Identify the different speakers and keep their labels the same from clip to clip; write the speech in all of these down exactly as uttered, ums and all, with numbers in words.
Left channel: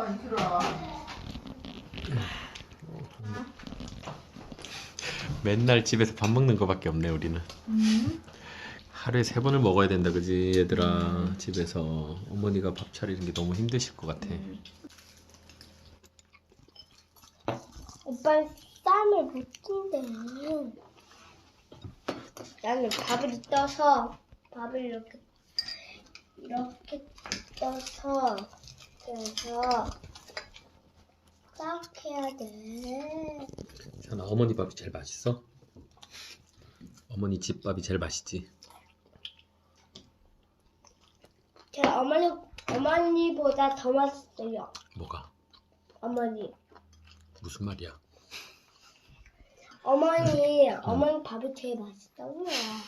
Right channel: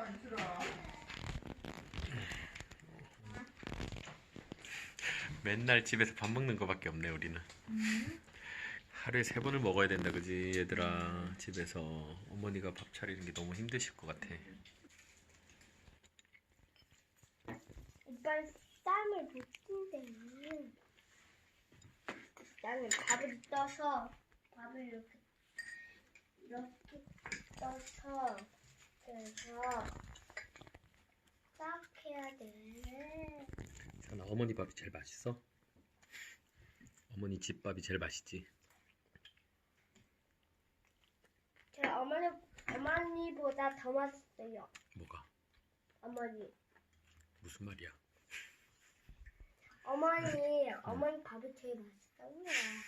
Speaker 1: 이슬아.
Speaker 2: 맨날 집에서 밥 먹는 거밖에 없네 우리는.
Speaker 1: 음.
Speaker 2: 하루에 세 번을 먹어야 된다 그지 얘들아. 음. 집에서 어머니가 밥 차리는 게 너무 힘드실 것 같아.
Speaker 1: 음.
Speaker 3: 오빠 쌈을 못 찐대. 나는 밥을 떠서 밥을 이렇게 이렇게 떠서 그래서 딱 해야 돼.
Speaker 2: 현아 어머니 밥이 제일 맛있어? 어머니 집 밥이 제일 맛있지?
Speaker 3: 제 어머니 어머니보다 더 맛있어요.
Speaker 2: 뭐가?
Speaker 3: 어머니
Speaker 2: 무슨 말이야?
Speaker 3: 어머니 어머니 밥이 제일 맛있다고요.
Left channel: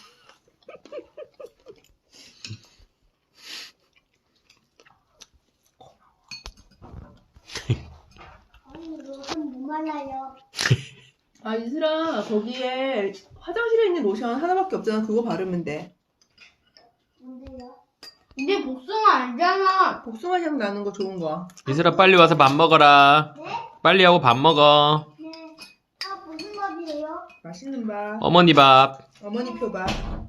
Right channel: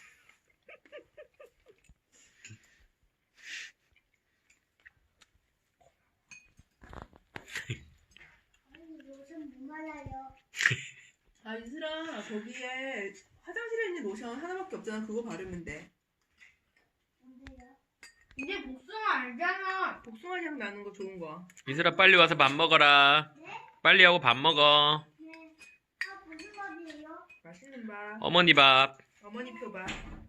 Speaker 3: 아니 로션 뭐 말라요?
Speaker 1: 아 이슬아, 거기에 화장실에 있는 로션 하나밖에 없잖아. 그거 바르면 돼.
Speaker 3: 뭔데요? 이게 복숭아 아니잖아.
Speaker 1: 복숭아 향 나는 거 좋은 거.
Speaker 2: 이슬아 빨리 와서 밥 먹어라.
Speaker 3: 네?
Speaker 2: 빨리 하고 밥 먹어.
Speaker 3: 네. 아 무슨 밥이에요?
Speaker 1: 맛있는 밥.
Speaker 2: 어머니 밥.
Speaker 1: 어머니 표밥.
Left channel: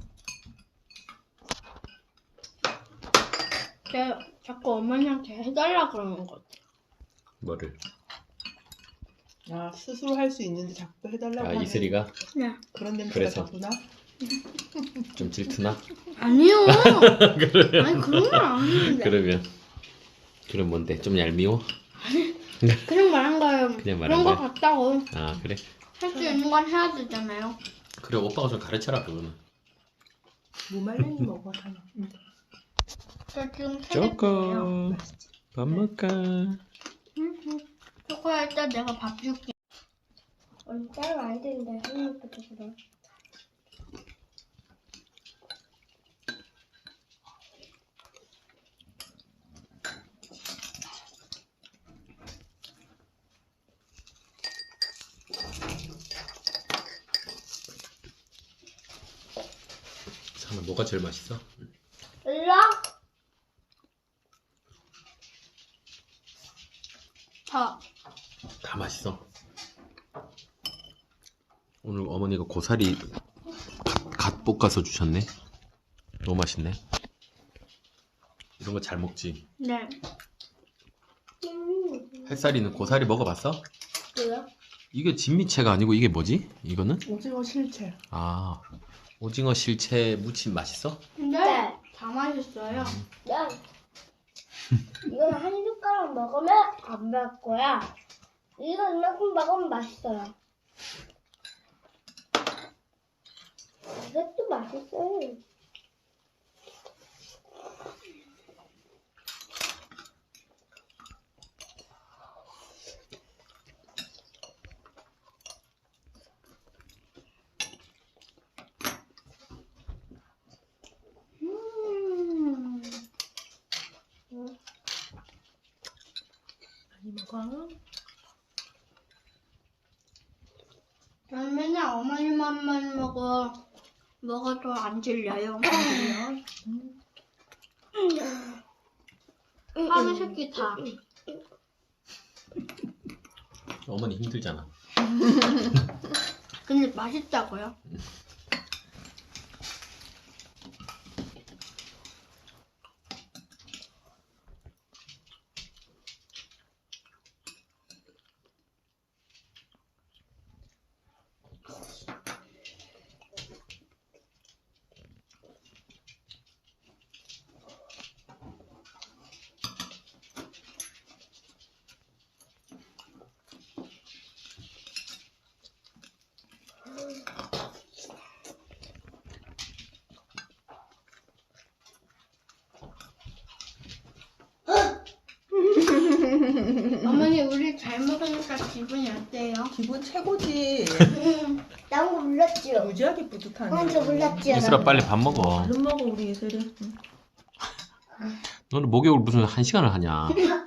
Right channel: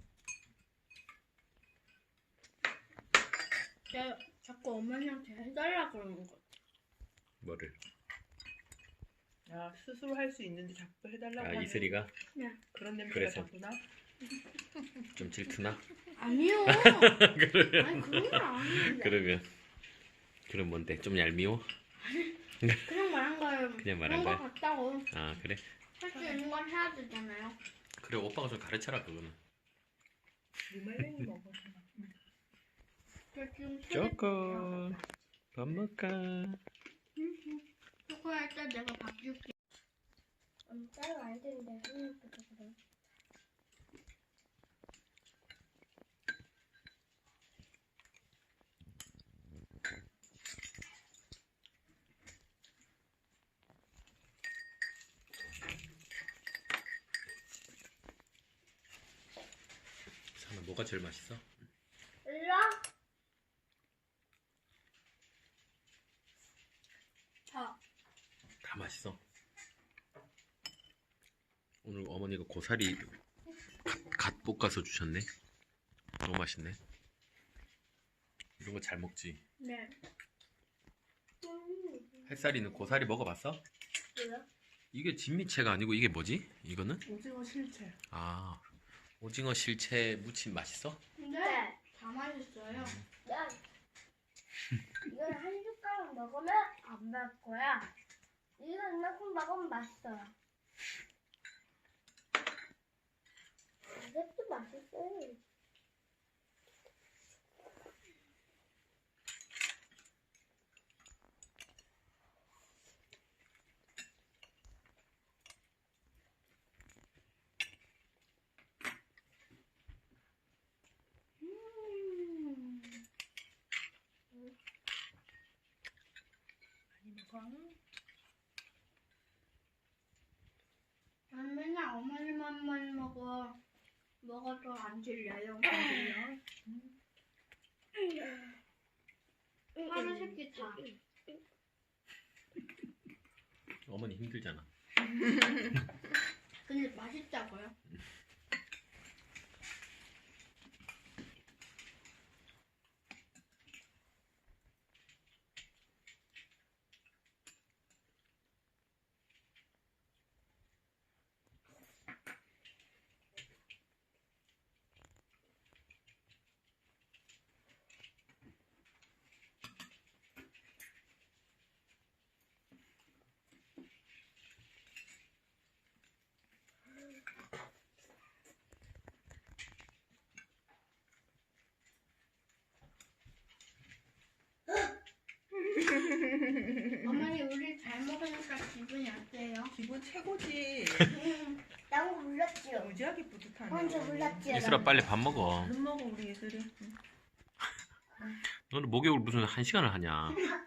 Speaker 3: 제 자꾸 어머니한테 해달라 그러는 것 같아.
Speaker 2: 뭐를?
Speaker 1: 아 스스로 할 수 있는데 자꾸 해달라고
Speaker 2: 아
Speaker 1: 하네.
Speaker 2: 이슬이가
Speaker 3: 네.
Speaker 1: 그런 냄새가
Speaker 2: 그래서.
Speaker 1: 자꾸나?
Speaker 2: 좀 질투나?
Speaker 3: 아니요.
Speaker 2: 그러면
Speaker 3: 아니 그런 건 아닌데.
Speaker 2: 그러면 그럼 뭔데? 좀 얄미워?
Speaker 3: 그냥 말한 거예요.
Speaker 2: 그냥 말한
Speaker 3: 그런 거
Speaker 2: 거야?
Speaker 3: 같다고.
Speaker 2: 아 그래?
Speaker 3: 할 수 있는 건 해야 되잖아요.
Speaker 2: 그래 오빠가 좀 가르쳐라 그거는.
Speaker 1: 무말랭이 먹어 하나. 응.
Speaker 3: 저 지금
Speaker 2: 쪼꼬 밥 먹까?
Speaker 3: 초코야 일단 내가 밥 줄게. 언니 따로 안 되는데 한입부터 그래.
Speaker 2: 상아 뭐가 제일 맛있어?
Speaker 3: 일로. 다.
Speaker 2: 다 맛있어. 오늘 어머니가 고사리 갓 볶아서 주셨네. 너무 맛있네. 이런 거 잘 먹지?
Speaker 3: 네.
Speaker 2: 햇살이는 고사리 먹어봤어?
Speaker 3: 뭐야?
Speaker 2: 이게 진미채가 아니고 이게 뭐지? 이거는?
Speaker 1: 오징어 실체.
Speaker 2: 아 오징어 실채 무침 맛있어?
Speaker 3: 네. 다 맛있어요. 네. 이건 한 숟가락 먹으면 안 맵 거야. 이거 이만큼 먹으면 맛있어요. 이것도 맛있어요. 음.
Speaker 1: 많이 먹어.
Speaker 3: 저는 맨날 어머니 맘만 먹어. 먹어도 안 질려요.
Speaker 1: 그래요?
Speaker 3: 하루 세끼 다.
Speaker 2: 어머니 힘들잖아.
Speaker 3: 근데 맛있다고요? 어머니 우리 잘 먹으니까 기분이 어때요?
Speaker 1: 기분 최고지.
Speaker 3: 나온 거 몰랐지요?
Speaker 1: 무지하게 뿌듯하네.
Speaker 3: 난 저 몰랐지요.
Speaker 2: 이슬아 빨리 밥 먹어.
Speaker 1: 얼른 먹어 우리 이슬은. 응.
Speaker 2: 너는 목욕을 무슨 한 시간을 하냐?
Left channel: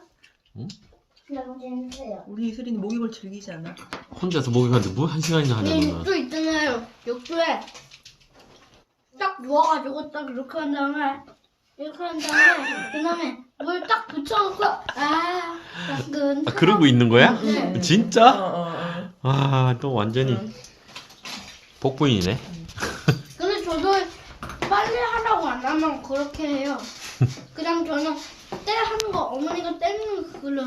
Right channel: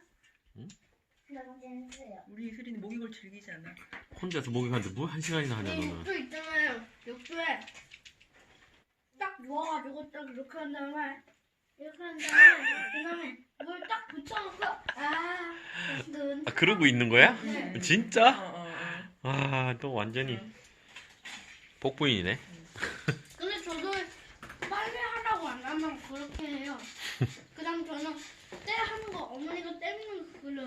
Speaker 3: 너무 재밌어요.
Speaker 1: 우리 이슬이는 목욕을 즐기지 않아.
Speaker 2: 혼자서 목욕하는데 뭐 한 시간이나 하냐
Speaker 3: 내
Speaker 2: 너는.
Speaker 3: 욕조 있잖아요. 욕조에 딱 누워가지고 딱 이렇게 한 다음에 이렇게 한 다음에 그 다음에 물 딱 붙여놓고 아 가끔.
Speaker 2: 아, 그러고 있는 거야?
Speaker 3: 네.
Speaker 1: 어,
Speaker 2: 진짜?
Speaker 1: 어, 어.
Speaker 2: 아, 또 완전히 복부인이네.
Speaker 3: 근데 저도 빨리 하라고 안 하면 그렇게 해요. 그냥 저는 때 하는 거 어머니가 때리는 그걸로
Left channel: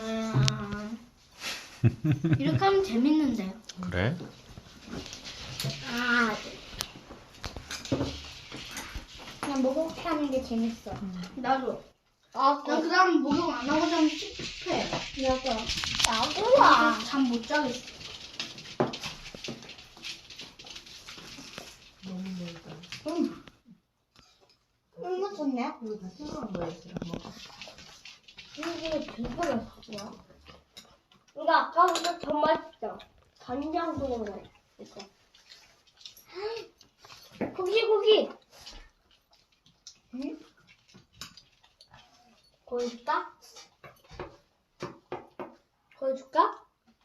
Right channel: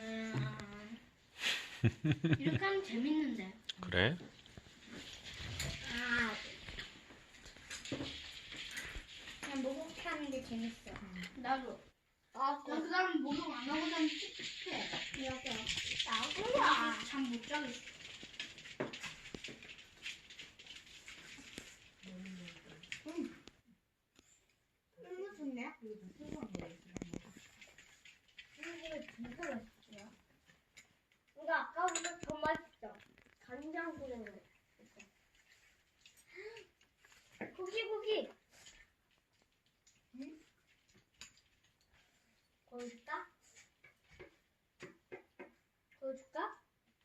Speaker 3: 이렇게 하면 재밌는데.
Speaker 2: 그래?
Speaker 3: 아, 그냥 목욕 하는 게 재밌어. 나도. 아, 난 그다음 목욕 안 하고 자면 찝찝해. 나도. 나도야. 잠 못 자겠어.
Speaker 1: 너무 멀다.
Speaker 3: 응. 응, 좋네.
Speaker 1: 이거 다 새로운 거였어. 먹어.
Speaker 3: 이게 되게 맛있어. 이거 아까보다 더 맛있어. 간장 들어간 거 있어. 고기 고기. 응? 보여줄까? 보여줄까?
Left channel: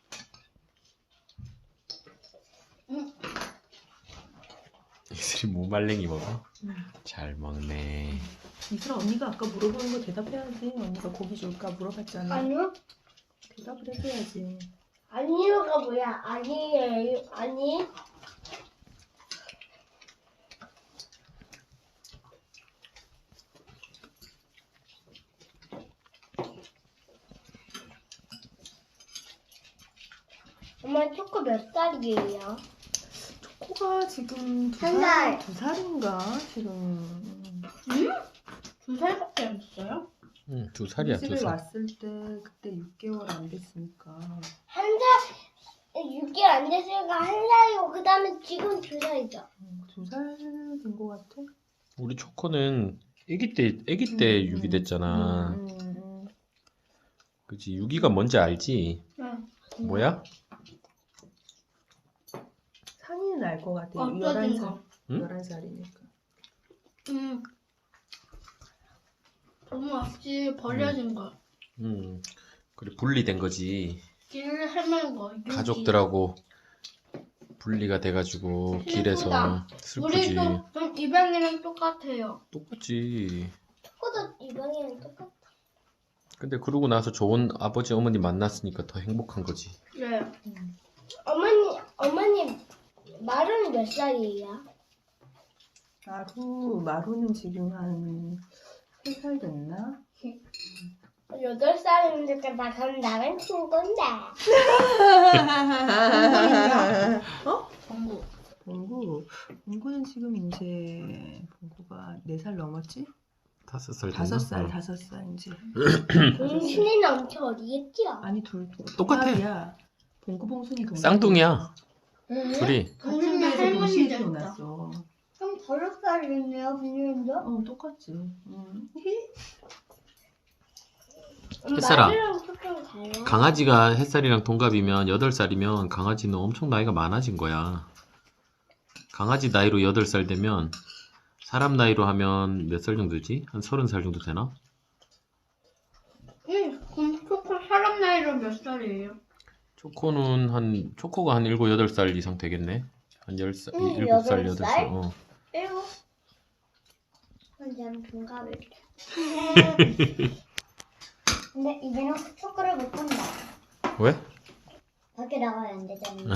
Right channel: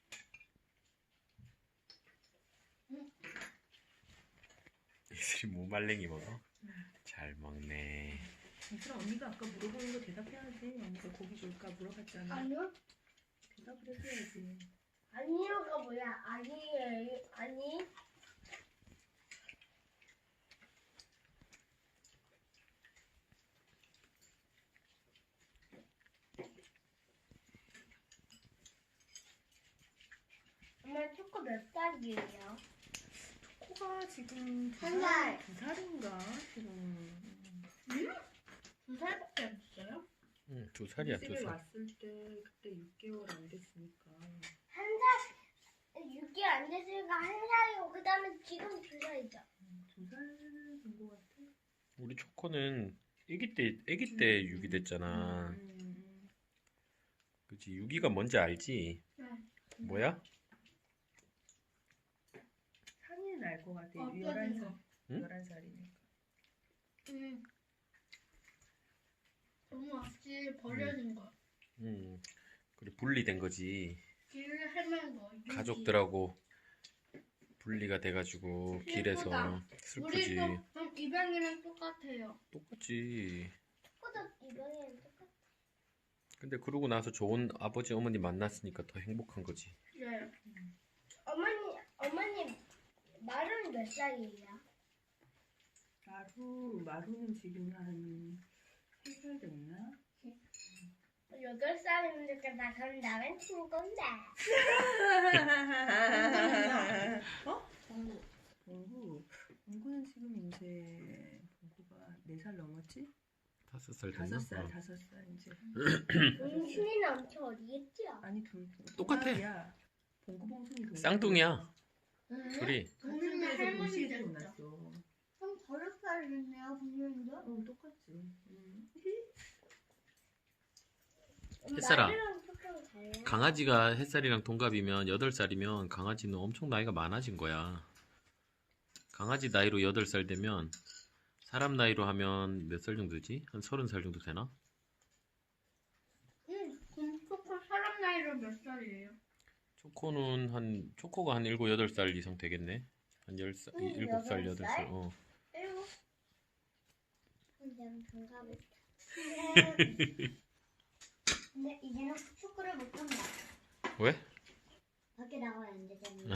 Speaker 3: 응.
Speaker 2: 이슬이 무말랭이 먹어?
Speaker 1: 응.
Speaker 2: 잘 먹네.
Speaker 1: 이슬아 언니가 아까 물어보는 거 대답해야지. 언니가 고기 줄까 물어봤잖아.
Speaker 3: 아니요.
Speaker 1: 대답을 해줘야지.
Speaker 3: 아니요가 뭐야? 아니에요. 아니. 엄마 초코 몇 살이에요?
Speaker 1: 초코가 지금 두
Speaker 3: 한
Speaker 1: 살,
Speaker 3: 살.
Speaker 1: 두 살인가 지금.
Speaker 3: 응? 두 살밖에 안 됐어요?
Speaker 2: 응, 두 살이야,
Speaker 1: 우리
Speaker 2: 두
Speaker 1: 집에
Speaker 2: 살.
Speaker 1: 왔을 때 그때 육 개월 안 됐으니까.
Speaker 3: 한 살, 육 개월 안 됐으니까 한 살이고 그 다음에 지금 두 살이죠.
Speaker 1: 음, 두 살 된 것 같아.
Speaker 2: 우리 초코는 아기 때, 아기 때
Speaker 1: 음,
Speaker 2: 육이
Speaker 1: 음.
Speaker 2: 됐잖아.
Speaker 1: 음, 음, 음.
Speaker 2: 그치, 육이가 뭔지 알지?
Speaker 3: 응.
Speaker 2: 뭐야?
Speaker 1: 상이는 알 것 같아.
Speaker 3: 어쩌진
Speaker 1: 열한 살.
Speaker 3: 거.
Speaker 2: 응?
Speaker 1: 열한 살이니까.
Speaker 3: 응. 너무 없이 버려진 거.
Speaker 2: 음, 그래, 분리된 거지.
Speaker 3: 길을 헤맨 거. 유기.
Speaker 2: 가족들하고 분리가 돼가지고 길에서
Speaker 3: 슬프다.
Speaker 2: 슬프지.
Speaker 3: 우리도 좀 이방이랑 똑같아요.
Speaker 2: 똑같지.
Speaker 3: 초코도 이방이랑 똑같아.
Speaker 2: 근데 그러고 나서 좋은 아버지 어머니 만났으니까 더 행복한 거지.
Speaker 3: 네.
Speaker 1: 음.
Speaker 3: 어머니, 어머니 말은 몇 살이에요?
Speaker 1: 마루, 마루는 지금 한 세 살 됐나?
Speaker 3: 여덟 살이니까 나 그럼 나랑 친구인데.
Speaker 1: 어?
Speaker 3: 정구.
Speaker 1: 봉구. 봉구는 지금 이제 봉구가 네 살 넘었지?
Speaker 2: 다섯 살 됐나?
Speaker 1: 다섯 살,
Speaker 2: 어.
Speaker 1: 다섯 살 이제.
Speaker 3: 봉순이는 엄청 어리겠죠?
Speaker 1: 아니 둘
Speaker 2: 똑같아.
Speaker 1: 동갑이야. 봉구 봉순이 동갑.
Speaker 2: 쌍둥이야.
Speaker 3: 응?
Speaker 2: 둘이.
Speaker 1: 같은
Speaker 3: 봉순이
Speaker 1: 데서
Speaker 3: 할머니
Speaker 1: 동시에
Speaker 3: 됐다.
Speaker 1: 태어났어.
Speaker 3: 그럼 다섯 살이겠네요, 비닐도?
Speaker 1: 어 똑같지. 음.
Speaker 2: 햇살아.
Speaker 3: 말이랑 조금 달라.
Speaker 2: 강아지가 햇살이랑 동갑이면 여덟 살이면 강아지는 엄청 나이가 많아진 거야. 강아지 나이로 여덟 살 되면 사람 나이로 하면 몇 살 정도지? 한 서른 살 정도 되나?
Speaker 3: 응, 그럼 초코 사람 나이로 몇 살이에요?
Speaker 2: 초코는 한 초코가 한 일곱, 여덟 살 이상 되겠네. 한 열 살,
Speaker 3: 응,
Speaker 2: 일곱 살,
Speaker 3: 여덟
Speaker 2: 여덟
Speaker 3: 살?
Speaker 2: 살. 어.
Speaker 3: 일곱. 그럼 동갑일게. 근데 이제는 초코를 못 본다.
Speaker 2: 왜?
Speaker 3: 밖에 나가야 안 되잖아.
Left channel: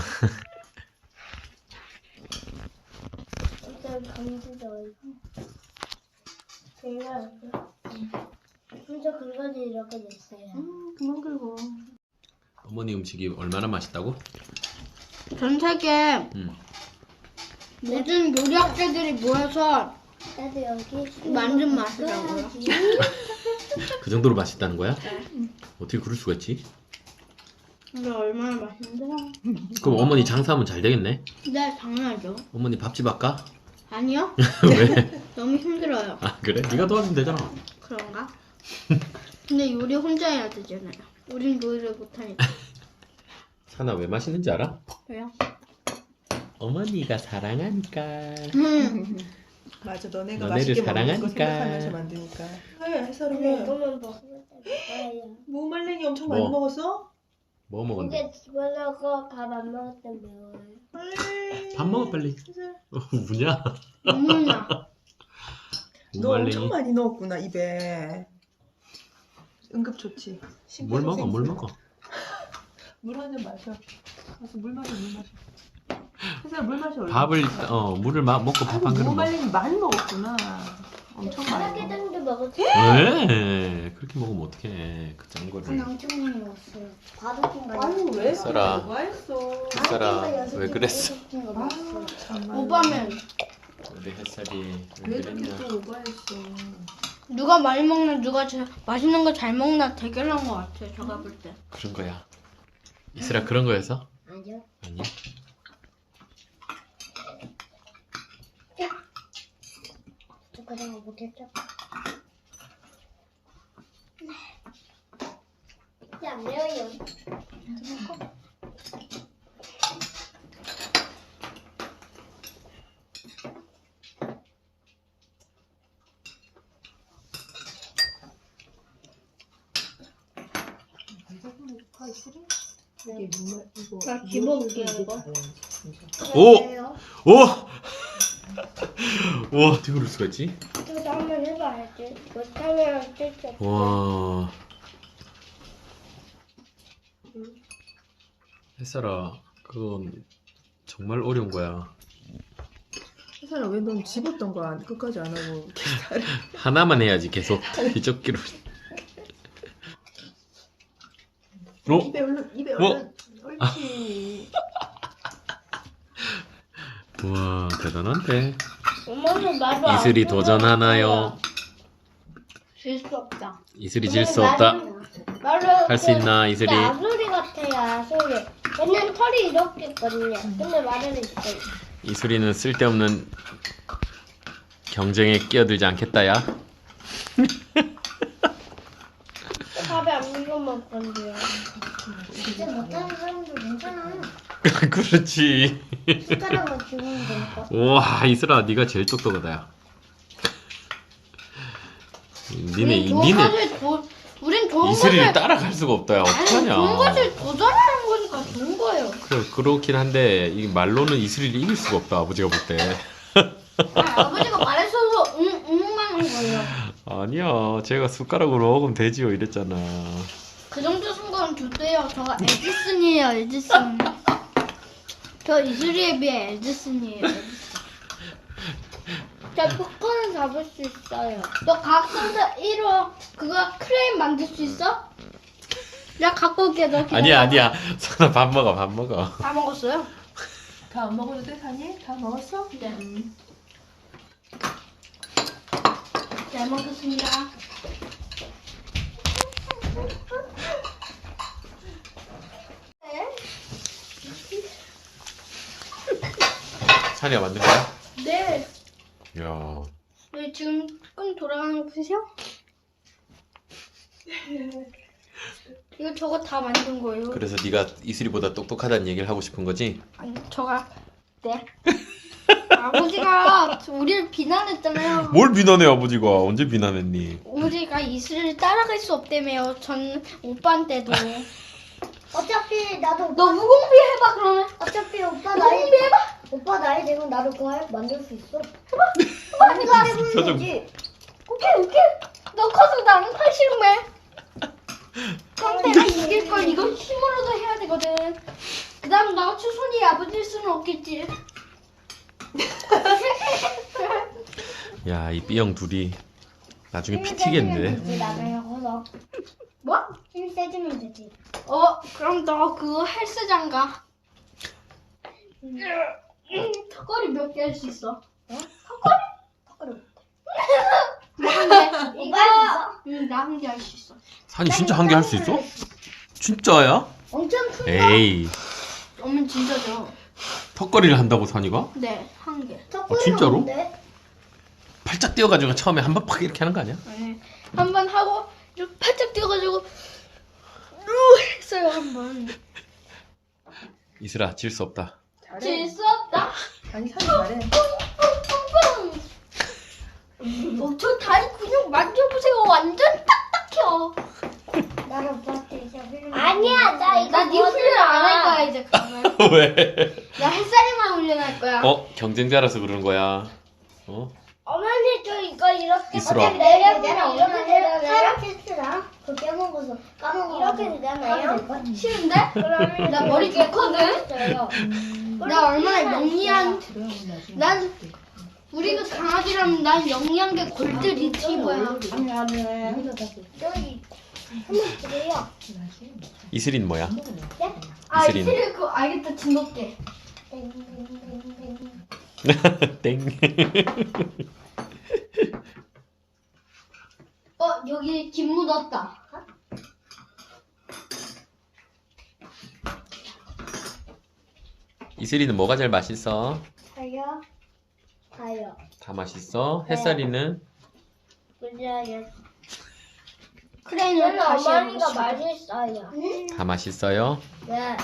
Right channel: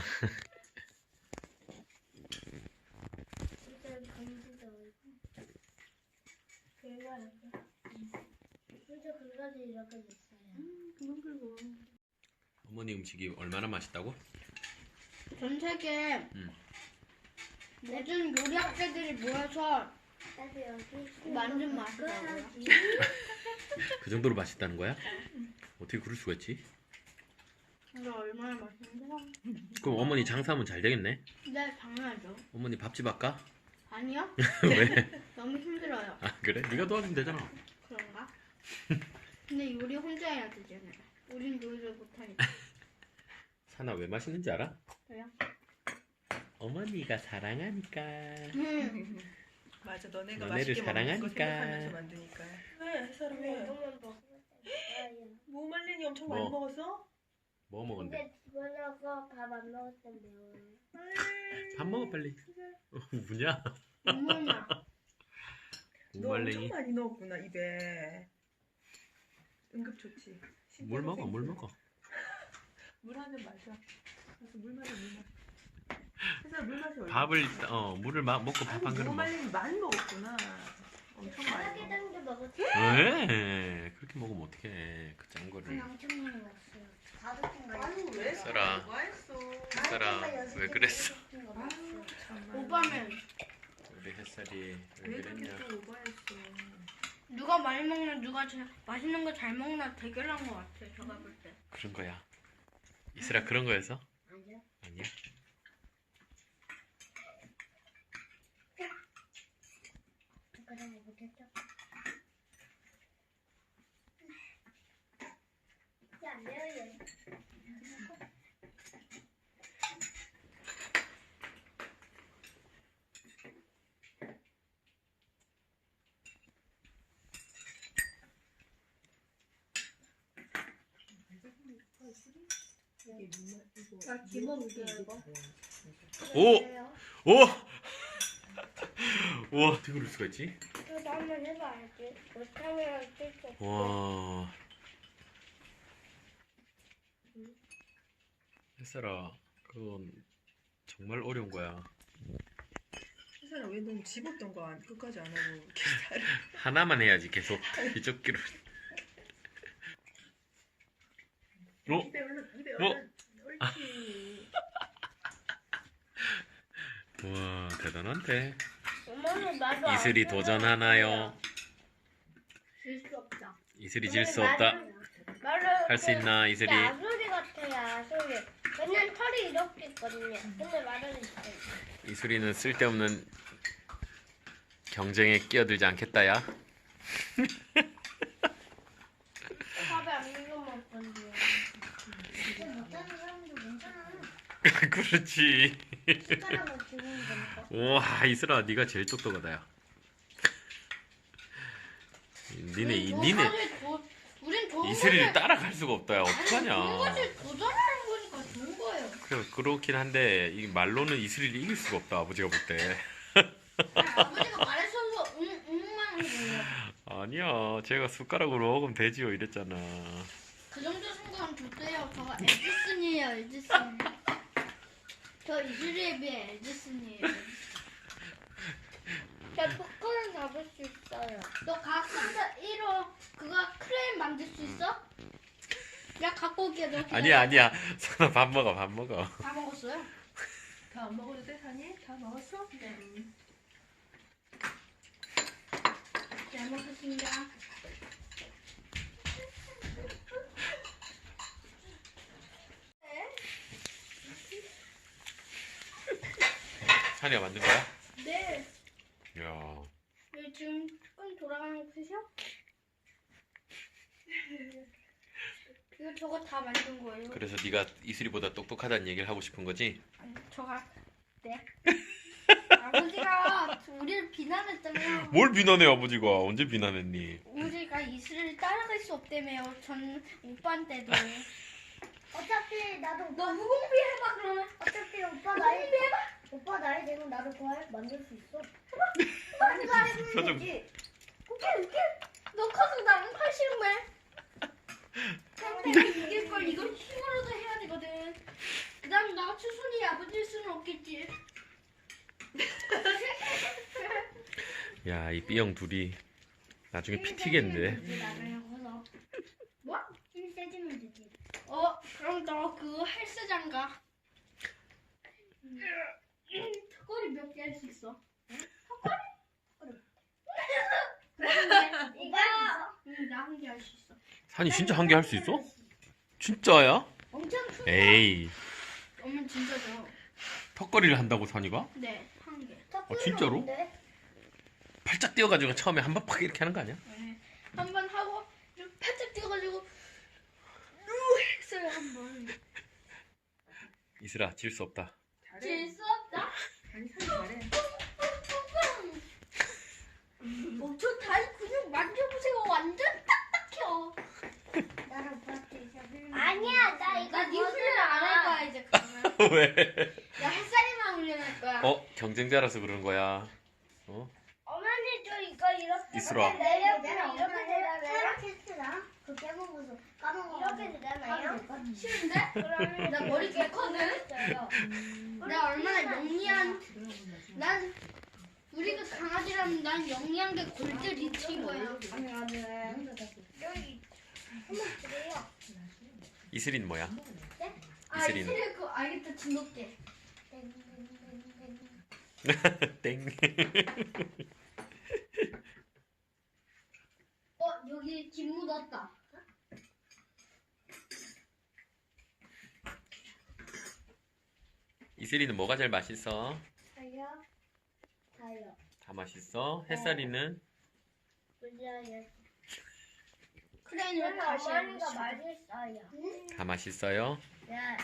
Speaker 3: 일단 감지도 이거. 제가 혼자 긁어지 이렇게 됐어요.
Speaker 1: 음 그만 긁어.
Speaker 2: 어머니 음식이 얼마나 맛있다고?
Speaker 3: 전 세계
Speaker 2: 음.
Speaker 3: 모든 요리학자들이 모여서 나도 여기 만든 맛이라고요.
Speaker 2: 그 정도로 맛있다는 거야? 어떻게 그럴 수가 있지?
Speaker 3: 이게 얼마나 맛있는데?
Speaker 2: 그럼 어머니 장사하면 잘 되겠네?
Speaker 3: 네, 당연하죠.
Speaker 2: 어머니 밥집 할까?
Speaker 3: 아니요,
Speaker 2: 왜?
Speaker 3: 너무 힘들어요.
Speaker 2: 아 그래? 네가 도와주면 되잖아.
Speaker 3: 그런가? 근데 요리 혼자 해야 되잖아요. 우린 요리를 못하니까.
Speaker 2: 사나 왜 맛있는지 알아?
Speaker 3: 왜요?
Speaker 2: 어머니가 사랑하니까.
Speaker 3: 음.
Speaker 1: 맞아 너네가
Speaker 2: 너네를
Speaker 1: 맛있게 먹는 거
Speaker 2: 사랑하니까.
Speaker 1: 생각하면서 만드니까. 왜 해설이
Speaker 3: 근데
Speaker 1: 왜?
Speaker 3: 이거만 먹으면 돼요.
Speaker 1: 무말랭이 엄청
Speaker 2: 뭐?
Speaker 1: 많이 먹었어?
Speaker 2: 뭐 먹었는데?
Speaker 3: 근데 집에서 밥 안 먹을 때 매워요.
Speaker 2: 밥 먹어 빨리.
Speaker 1: 해설.
Speaker 2: 어, 뭐냐?
Speaker 3: 어머나.
Speaker 1: 너 엄청
Speaker 2: 무말랭이.
Speaker 1: 많이 넣었구나 입에. 응급조치.
Speaker 2: 물 먹어, 물 먹어.
Speaker 1: 물 한 잔 마셔. 가서 물 마셔, 물 마셔. 혜슬아 물 마셔. 얼른.
Speaker 2: 밥을 일단- 어 물을 마, 먹고 밥 한 그릇
Speaker 1: 너무
Speaker 2: 먹어.
Speaker 1: 많이 많이 먹었구나. 엄청
Speaker 3: 다섯 개
Speaker 1: 많이.
Speaker 3: 정도 먹었지.
Speaker 2: 왜? 그렇게 먹으면 어떡해? 그 짠
Speaker 3: 아니
Speaker 2: 거를.
Speaker 3: 엄청 많이 먹었어요. 다섯 개인가.
Speaker 1: 아니 왜
Speaker 2: 혜슬아.
Speaker 1: 누가 했어?
Speaker 2: 햇살아, 왜 그랬어?
Speaker 1: 아, 정말.
Speaker 3: 오빠는
Speaker 2: 우리 햇살이
Speaker 1: 왜 이렇게 또 오버했어?
Speaker 3: 누가 많이 먹나 누가 잘 맛있는 거 잘 먹나 대결한 것 같아요. 제가 볼 때.
Speaker 2: 그런 거야. 이슬아 그런 거여서?
Speaker 3: 아니요.
Speaker 2: 아니야.
Speaker 3: 그냥 못했죠. 이제 안 매워요.
Speaker 1: 이게 물 이거.
Speaker 3: 나 집어볼게요, 이거.
Speaker 2: 오!
Speaker 3: 왜요?
Speaker 2: 오! 와, 어떻게 그럴 수가 있지?
Speaker 3: 그래도 한번 해봐야지. 못하면 쓸수 없어.
Speaker 2: 와. 햇살아, 그건 정말 어려운 거야.
Speaker 1: 혜슬아 왜 넌 집었던 거 안- 끝까지 안 하고 기다려?
Speaker 2: 하나만 해야지 계속 뒤적기로. 어?
Speaker 1: 입에 얼른 입에
Speaker 2: 뭐?
Speaker 1: 얼른. 옳지.
Speaker 2: 와, 대단한데.
Speaker 3: 엄마는 나도 안
Speaker 2: 이슬이
Speaker 3: 해봐요.
Speaker 2: 도전하나요?
Speaker 3: 질수 없다.
Speaker 2: 이슬이 질 수 없다. 할 수 있나, 이슬이?
Speaker 3: 아소리 같아요, 아소리. 왜냐면 털이 이렇게 있거든요. 근데 말은 있어요.
Speaker 2: 이슬이는 쓸데없는 경쟁에 끼어들지 않겠다야.
Speaker 3: 밥에 안 물어 먹을 건데요. 진짜 못하는 사람도 괜찮아.
Speaker 2: 그렇지.
Speaker 3: 숟가락만 주면 되니까.
Speaker 2: 와, 이슬아, 네가 제일 똑똑하다. 야. 니네 이-
Speaker 3: 좋은
Speaker 2: 니네
Speaker 3: 것을 도, 우린 좋은
Speaker 2: 이슬이를
Speaker 3: 것을
Speaker 2: 따라갈 수가 없다. 야,
Speaker 3: 아니, 좋은
Speaker 2: 어떡하냐?
Speaker 3: 것을 도전하는 거니까 좋은 거예요.
Speaker 2: 그래, 그렇긴 한데 이 말로는 이슬이를 이길 수가 없다. 아버지가 볼 때.
Speaker 3: 아니, 아버지가 말했어서 응, 응만 한 거예요.
Speaker 2: 아니야, 제가 숟가락으로 먹으면 되지요 이랬잖아.
Speaker 3: 그 정도 순간 좋대요. 저가 에디슨이에요, 에디슨. 저 이슬이에 비해 에디슨이에요, 에디슨. 저 포크는 잡을 수 있어요. 너 각성자 일 호 그거 크레인 만들 수 있어? 내가 갖고 올게, 너 기다려.
Speaker 2: 아니야, 아니야. 선아 밥 먹어, 밥 먹어.
Speaker 3: 다 먹었어요?
Speaker 1: 다 안 먹어도 돼, 사니? 다 먹었어?
Speaker 3: 네.
Speaker 1: 음.
Speaker 3: 잘 먹겠습니다.
Speaker 2: 찬이가 만든 거야?
Speaker 3: 네.
Speaker 2: 야,
Speaker 3: 네, 지금 조금 돌아가는 거 보세요. 이거 저거 다 만든 거예요.
Speaker 2: 그래서 네가 이슬이보다 똑똑하다는 얘기를 하고 싶은 거지?
Speaker 3: 아니, 저가 네. 아버지가 우리를 비난했잖아요.
Speaker 2: 뭘 비난해 아버지가? 언제 비난했니?
Speaker 3: 우리가 이슬을 따라갈 수 없다며요. 전 오빠한테도.
Speaker 4: 어차피 나도
Speaker 3: 너 무공비 해봐 그러면.
Speaker 4: 어차피 오빠 나이
Speaker 3: 무공비 해봐.
Speaker 4: 오빠 나이 되면 나도 그거 할- 만들 수 있어. 나도 해보면
Speaker 2: 표정.
Speaker 4: 되지.
Speaker 3: 오케이 오케이. 너 커서 나는 팔십매. 그럼 내가 이길 걸 이건 힘으로도 해야 되거든. 그다음 나 추순이 아버지일 수는 없겠지.
Speaker 2: 야, 이 B형 둘이 나중에 피
Speaker 4: 힘 세주면
Speaker 2: 튀겠는데?
Speaker 4: 되지 나중에 커서.
Speaker 3: 뭐?
Speaker 4: 힘 세주면 되지.
Speaker 3: 어 그럼 너 그거 헬스장 가. 음, 턱걸이 몇 개 할 수 있어? 어? 턱걸이?
Speaker 4: 턱걸이.
Speaker 3: 나한 개.
Speaker 4: 오빠 할 수 있어?
Speaker 3: 응, 나 한 개 할 수 있어.
Speaker 2: 산이 진짜 한 개 할 수 있어? 진짜야?
Speaker 4: 엄청 큰 거.
Speaker 2: 에이,
Speaker 3: 어머니 진짜죠?
Speaker 2: 턱걸이를 한다고 산이가?
Speaker 3: 네, 한 개.
Speaker 4: 턱걸이가
Speaker 2: 아, 진짜로?
Speaker 4: 뭔데?
Speaker 2: 팔짝 뛰어가지고 처음에 한 번 팍 이렇게 하는 거 아니야?
Speaker 3: 네. 한 번 하고 이렇게 팔짝 뛰어가지고 루 했어요 한 번.
Speaker 2: 이슬아, 질 수 없다.
Speaker 1: 잘해.
Speaker 3: 질 수 없다.
Speaker 1: 아니 사니 잘해.
Speaker 3: 어, 저 다리 근육 만져보세요. 완전 딱딱해요.
Speaker 4: 나도 오빠한테 이제 훈련.
Speaker 3: 아니야, 나 이거 나네 훈련 안 할 거야 이제 그러면.
Speaker 2: 왜?
Speaker 3: 나 햇살이만 훈련할 거야.
Speaker 2: 어? 경쟁자라서 그러는 거야. 어?
Speaker 3: 어머니 저 이거 이렇게
Speaker 2: 이슬아.
Speaker 4: 내가 그냥 오랜만에 사람 테스트랑 그 깨먹 이렇게 되잖아요.
Speaker 3: 싫은데?
Speaker 4: 그러면
Speaker 3: 나 머리
Speaker 4: 이렇게
Speaker 3: 좋거든?
Speaker 4: 커져요.
Speaker 3: 나 얼마나 영리한 난 우리가 강아지라면 난 영리한 게 골드 리트리버야.
Speaker 4: 저기 한번 드려요.
Speaker 2: 이슬이는 뭐야?
Speaker 3: 아
Speaker 2: 이슬이는?
Speaker 3: 이슬이 그거 알겠다 진돗개.
Speaker 2: 땡.
Speaker 3: 어 여기 김 묻었다.
Speaker 2: 이슬이는 뭐가 제일 맛있어?
Speaker 4: 다요. 다요.
Speaker 2: 다 맛있어?
Speaker 3: 네.
Speaker 2: 햇살이는?
Speaker 4: 그래요.
Speaker 3: 크레인을
Speaker 4: 저는
Speaker 3: 다시
Speaker 4: 어머니가
Speaker 3: 해보겠습니다.
Speaker 4: 맛있어요.
Speaker 2: 다 맛있어요?
Speaker 4: 네.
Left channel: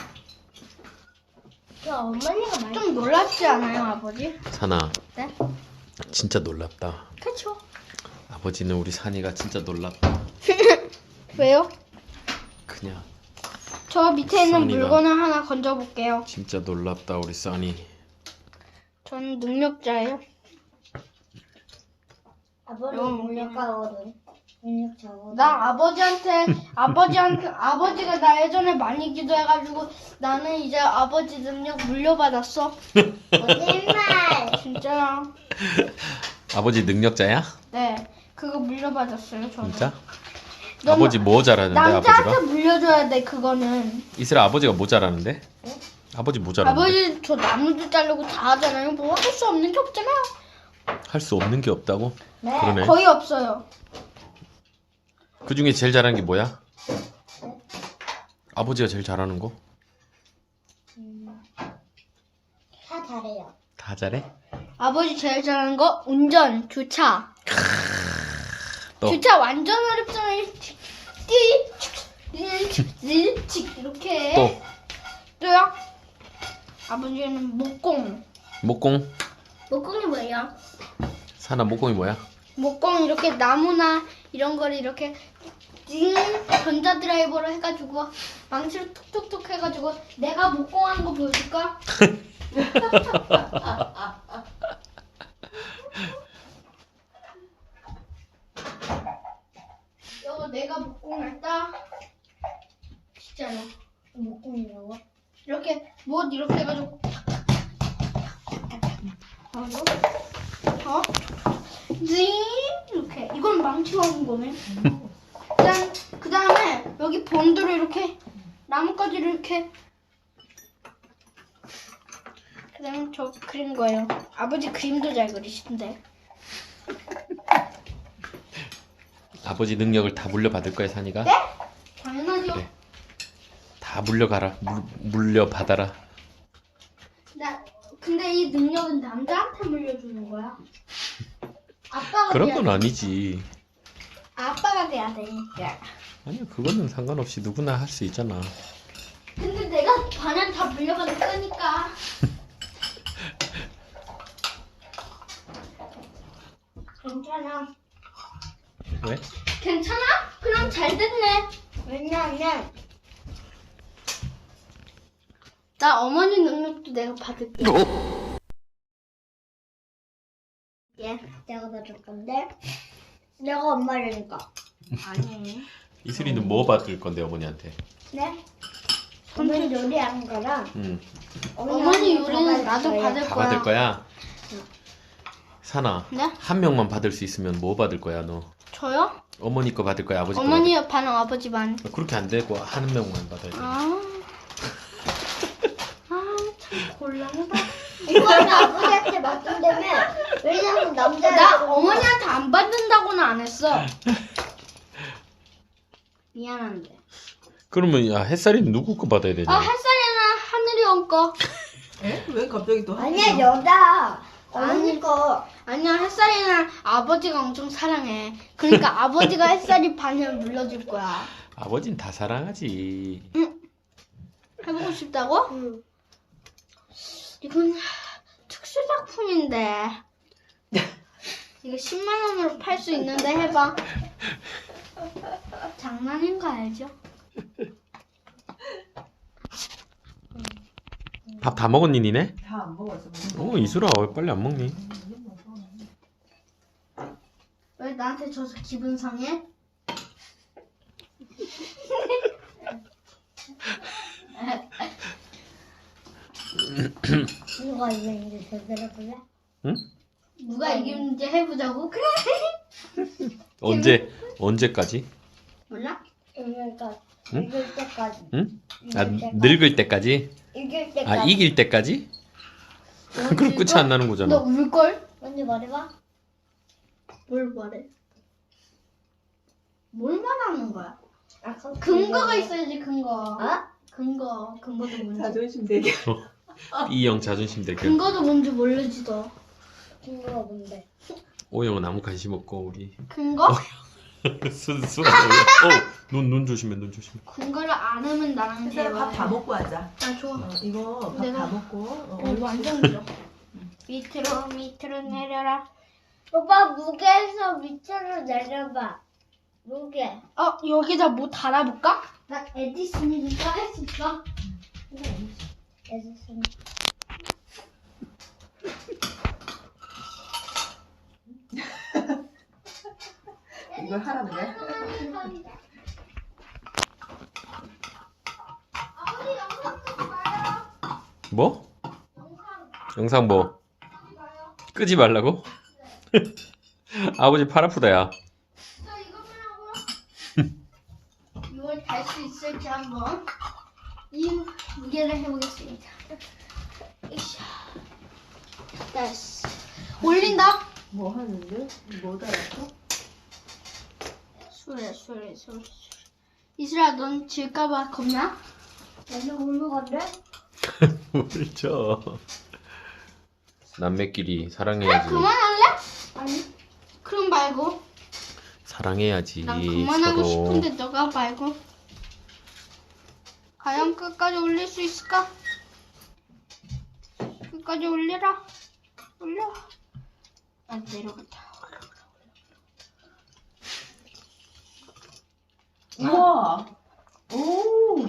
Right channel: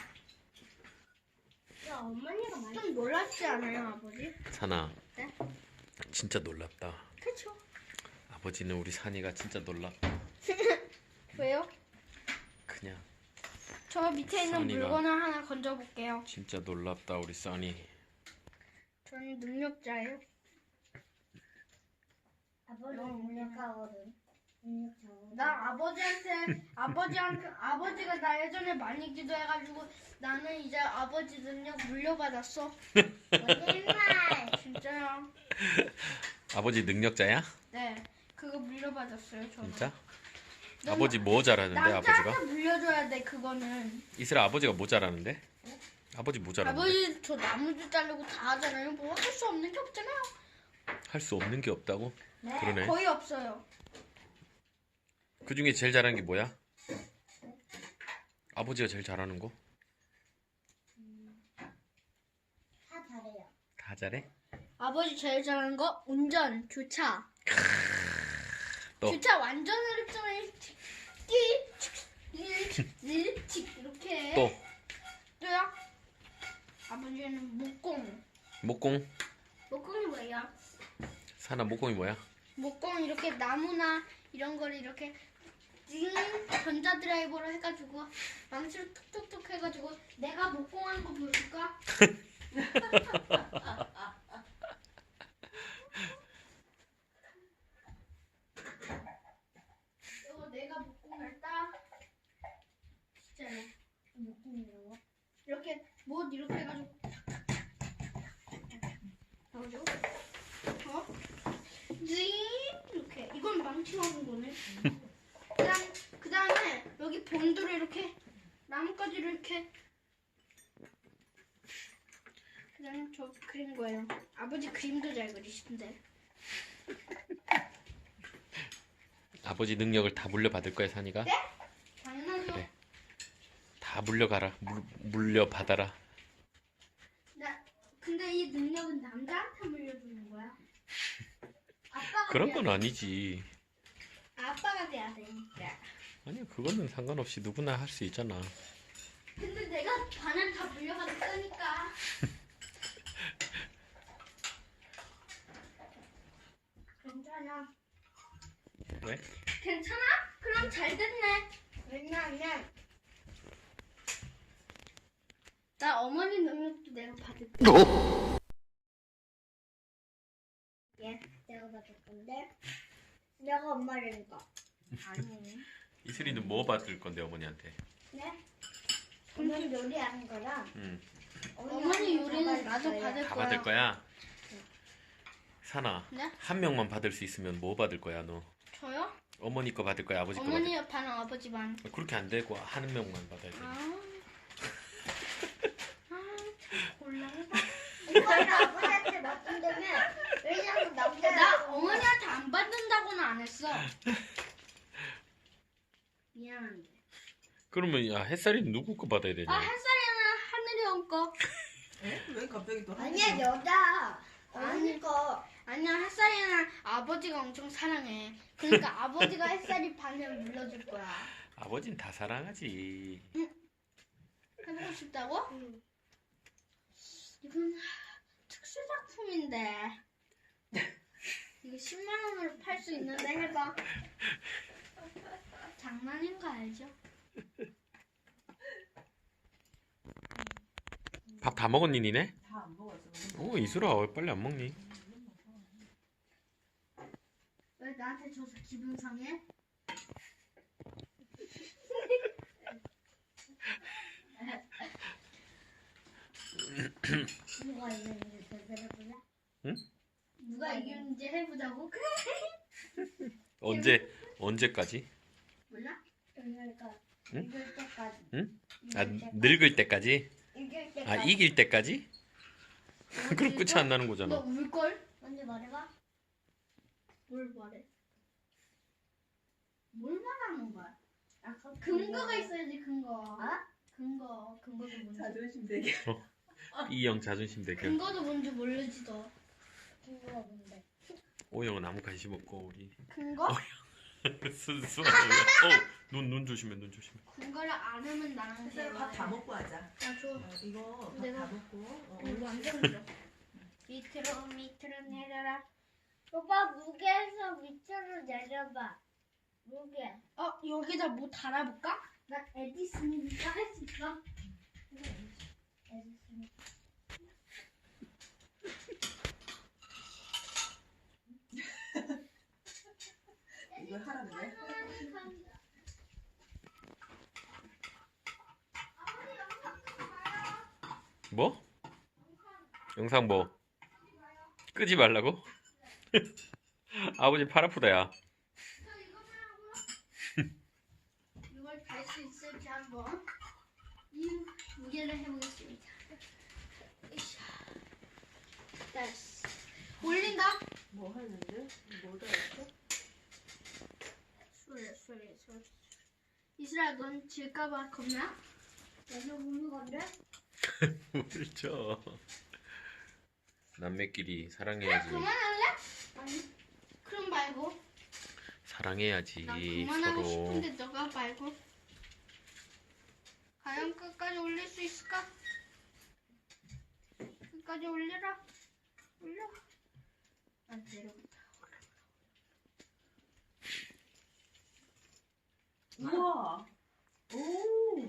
Speaker 4: 저 어머니가 맛있어요.
Speaker 3: 좀 놀랍지 않아요 아버지?
Speaker 2: 산아.
Speaker 3: 네?
Speaker 2: 진짜 놀랍다.
Speaker 3: 그쵸?
Speaker 2: 아버지는 우리 산이가 진짜 놀랍다.
Speaker 3: 왜요?
Speaker 2: 그냥
Speaker 3: 저 밑에 있는
Speaker 2: 써니가.
Speaker 3: 물건을 하나 건져볼게요.
Speaker 2: 진짜 놀랍다 우리 써니.
Speaker 3: 저는 능력자예요.
Speaker 4: 아버지
Speaker 3: 음.
Speaker 4: 능력가거든. 능력자거든.
Speaker 3: 나 아버지한테 아버지한테 아버지가 나 예전에 많이 기도해가지고 나는 이제 아버지 능력 물려받았어.
Speaker 4: 거짓말.
Speaker 3: 진짜야.
Speaker 2: 아버지 능력자야?
Speaker 3: 네, 그거 물려받았어요 저는.
Speaker 2: 진짜?
Speaker 3: 너무-
Speaker 2: 아버지 뭐 잘하는데
Speaker 3: 남자한테
Speaker 2: 아버지가?
Speaker 3: 물려줘야 돼 그거는.
Speaker 2: 이슬아 아버지가 뭐 잘하는데? 아버지 뭐 잘하는데?
Speaker 3: 아버지 저 나무도 자르고 다 하잖아요. 뭐 할 수 없는 게 없잖아요.
Speaker 2: 할 수 없는 게 없다고?
Speaker 4: 네.
Speaker 2: 그러네.
Speaker 3: 거의 없어요.
Speaker 2: 그 중에 제일 잘하는 게 뭐야? 아버지가 제일 잘하는 거?
Speaker 4: 다 잘해요.
Speaker 2: 다 잘해?
Speaker 3: 아버지 제일 잘하는 거 운전, 주차.
Speaker 2: 또
Speaker 3: 주차 완전 어렵잖아요. 띠, 이렇게.
Speaker 2: 또
Speaker 3: 또요? 아버지는 목공.
Speaker 2: 목공?
Speaker 3: 목공이 뭐예요?
Speaker 2: 산아 목공이 뭐야?
Speaker 3: 목공 이렇게 나무나 이런 거를 이렇게 띵 전자 드라이버로 해가지고 망치로 툭툭툭 해가지고 내가 목공한 거 보여줄까? 이거 내가 목공했다. 진짜로.
Speaker 4: 목공이라고?
Speaker 3: 이렇게 못 이렇게 해가지고 어? 어? 징 이렇게 이건 망치로 하는 거네. 그다음 그 다음에 여기 본드로 이렇게 나뭇가지를 이렇게 그다음 저 그린 거예요. 아버지 그림도 잘 그리신데.
Speaker 2: 아버지 능력을 다 물려받을 거야 산이가?
Speaker 3: 네? 당연하죠.
Speaker 2: 그래. 다 물려가라 물, 물려받아라.
Speaker 3: 나 근데 이 능력은 남자한테 물려주는 거야. 아빠가
Speaker 2: 그런
Speaker 3: 돼야
Speaker 2: 건
Speaker 3: 돼.
Speaker 2: 아니지.
Speaker 3: 아빠가 돼야 돼.
Speaker 2: 아니 그거는 상관없이 누구나 할 수 있잖아.
Speaker 3: 근데 내가 반은 다 물려받을 거니까.
Speaker 4: 괜찮아.
Speaker 2: 왜?
Speaker 3: 괜찮아? 그럼 잘 됐네.
Speaker 4: 왜냐면
Speaker 3: 나 어머니 능력도 내가 받을게. 예.
Speaker 4: 내가 받을 건데 내가 엄마라니까.
Speaker 3: 아니.
Speaker 2: 이슬이는 뭐 받을 건데 어머니한테?
Speaker 4: 네? 어머니 요리하는 거랑
Speaker 2: 응.
Speaker 3: 어머니 요리는 나도 받을
Speaker 2: 다
Speaker 3: 거야.
Speaker 2: 받을 거야? 산아
Speaker 3: 네?
Speaker 2: 한 명만 받을 수 있으면 뭐 받을 거야 너?
Speaker 3: 저요?
Speaker 2: 어머니 거 받을 거야 아버지 거
Speaker 3: 어머니 반, 아버지 반.
Speaker 2: 받을 거야? 그렇게 안 되고 한 명만 받아야 돼.
Speaker 3: 아. 아, 참 곤란하다.
Speaker 4: 이거는 아버지한테 맡긴다며. 왜냐면 남자
Speaker 3: 나 어머니한테 안 받는다고는 안 했어. 미안한데.
Speaker 2: 그러면 야 햇살이는 누구 거 받아야 되냐?
Speaker 3: 아, 햇살이는 하늘이 온 거.
Speaker 1: 에? 왜 갑자기 또
Speaker 4: 아니야 여자 어머니 거.
Speaker 3: 아니야, 햇살이는 아버지가 엄청 사랑해. 그러니까 아버지가 햇살이 반을 물려줄 거야.
Speaker 2: 아버진 다 사랑하지.
Speaker 3: 해보고 싶다고?
Speaker 4: 응.
Speaker 3: 이건 특수 작품인데. 이거 십만 원으로 팔 수 있는데 해봐. 장난인 거 알죠?
Speaker 2: 밥 다 먹었니 니네?
Speaker 1: 다 안 먹었어.
Speaker 2: 어 이슬아 왜 빨리 안 먹니?
Speaker 3: 왜 나한테 줘서 기분 상해?
Speaker 4: 누가 이겼는지 제대로 볼래?
Speaker 3: 누가 이기는지 해보자고? 그래.
Speaker 2: 언제 언제까지?
Speaker 3: 몰라?
Speaker 4: 그러니까
Speaker 2: 응?
Speaker 4: 이길 때까지.
Speaker 2: 응?
Speaker 4: 이길
Speaker 2: 아
Speaker 4: 때까지.
Speaker 2: 늙을 때까지?
Speaker 4: 이길 때까지.
Speaker 2: 아 이길 때까지? 그럼 끝이 안 나는
Speaker 3: 너
Speaker 2: 거잖아.
Speaker 3: 울걸?
Speaker 4: 먼저 말해봐.
Speaker 3: 뭘 말해? 뭘 말하는 거야?
Speaker 4: 아, 그럼
Speaker 3: 근거가
Speaker 4: 그거-
Speaker 3: 있어야지 근거.
Speaker 4: 어?
Speaker 3: 근거. 근거도 뭔지.
Speaker 1: 자존심 대결.
Speaker 2: B형 자존심 대결.
Speaker 3: 근거도 뭔지 모르지 너.
Speaker 4: 근거가 뭔데?
Speaker 2: O형은 아무 관심 없고 우리
Speaker 3: 근거?
Speaker 2: 순수한 O형. 어눈 눈 조심해 눈 조심해.
Speaker 3: 근거를 안 하면 나랑
Speaker 1: 햇살아
Speaker 3: 대화.
Speaker 1: 밥다 먹고 하자.
Speaker 3: 아 좋아.
Speaker 1: 어, 이거 밥 다
Speaker 3: 내가-
Speaker 1: 먹고. 어,
Speaker 3: 어, 완전 길어. 밑으로 밑으로 내려라.
Speaker 4: 오빠 무게에서 밑으로 내려봐. 무게.
Speaker 3: 어 여기다 뭐 달아볼까? 나 에디슨이니까 할 수 있어.
Speaker 4: 에디슨.
Speaker 1: 이걸 하라는 거야?
Speaker 2: 뭐? 영상 뭐? 끄지 말라고? 아버지 팔 아프다 야.
Speaker 3: 이걸 달 수 있을지 한번 이 무게를 해보겠습니다. 으쌰. 됐어. 올린다.
Speaker 1: 뭐 하는데? 뭐 달았어?
Speaker 3: 술래 술래 술래. 이슬아 넌 질까봐 겁나?
Speaker 4: 너는 울는 건데?
Speaker 2: 울죠. 남매끼리 사랑해야지.
Speaker 3: 그만할래? 아니. 그럼 말고.
Speaker 2: 사랑해야지
Speaker 3: 난 그만하고
Speaker 2: 서로.
Speaker 3: 싶은데 너가 말고. 과연 끝까지 올릴 수 있을까? 끝까지 올리라. 올려. 아 내려갔다.
Speaker 1: 우와. 오.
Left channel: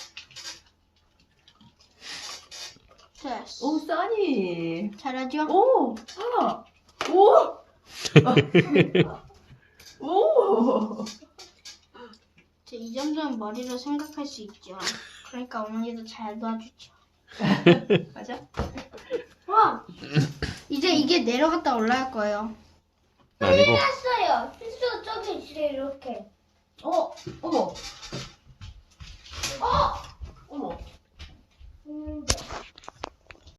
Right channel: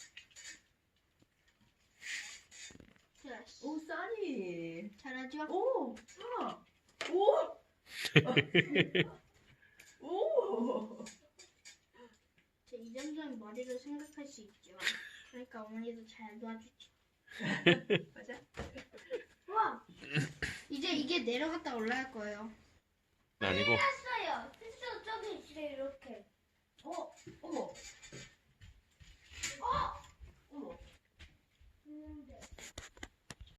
Speaker 3: 됐어.
Speaker 1: 오 써니.
Speaker 3: 잘하죠?
Speaker 1: 오. 아. 오. 오.
Speaker 3: 저 이 정도는 머리로 생각할 수 있죠. 그러니까 어머니도 잘 도와주죠.
Speaker 1: 맞아?
Speaker 3: 와! 이제 이게 내려갔다 올라갈 거예요.
Speaker 2: 아니고
Speaker 4: 했어요. 필수 저기 있어 이렇게.
Speaker 1: 어. 어머. 어. 어머.
Speaker 4: 음,